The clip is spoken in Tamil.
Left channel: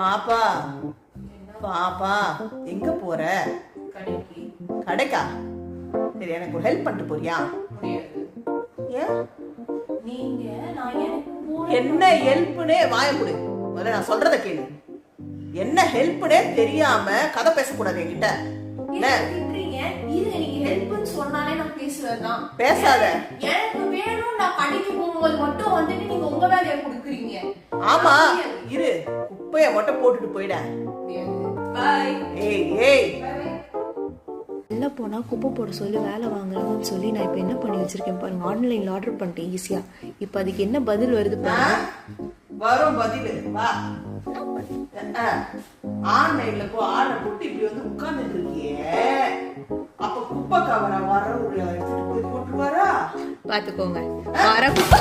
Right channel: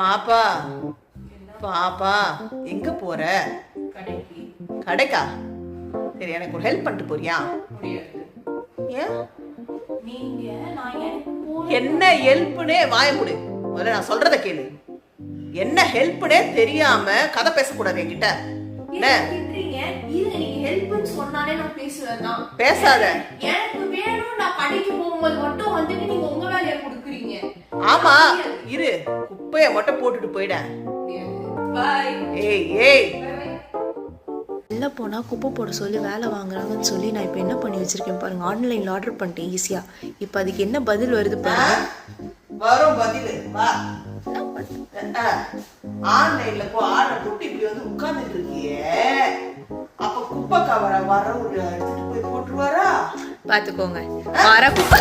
பாப்பா பாப்பா எங்க போற? கடைக்கா? சரி, எனக்கு ஒரு ஹெல்ப் பண்ணிட்டு போறியா? ஏன்? என்ன ஹெல்ப்னே வாய கொடு. முதல்ல நான் சொல்றத கேளு. என்ன ஹெல்ப்னே தெரியாம கதை பேசக்கூடாது என்கிட்ட. பேசாத. ஆமா இரு, குப்பைய மட்டும் போட்டுட்டு போயிட. வெளில போனால் குப்பை போட சொல்லி வேலை வாங்குறாங்கன்னு சொல்லி நான் இப்போ என்ன பண்ணி வச்சிருக்கேன் பாருங்க. ஆன்லைனில் ஆர்டர் பண்ணிட்டேன் ஈஸியாக. இப்போ அதுக்கு என்ன பதில் வருது பாருங்க. வரும் பதில். வா, ஆன்லைன்ல போ ஆர்டர் போட்டு இப்படி வந்து உட்கார்ந்துட்டு இருக்கியே, அப்ப குப்பை கவர வர ஒரு எடுத்துட்டு போய் போட்டுருவாரா? பாத்துக்கோங்க, வர குப்பை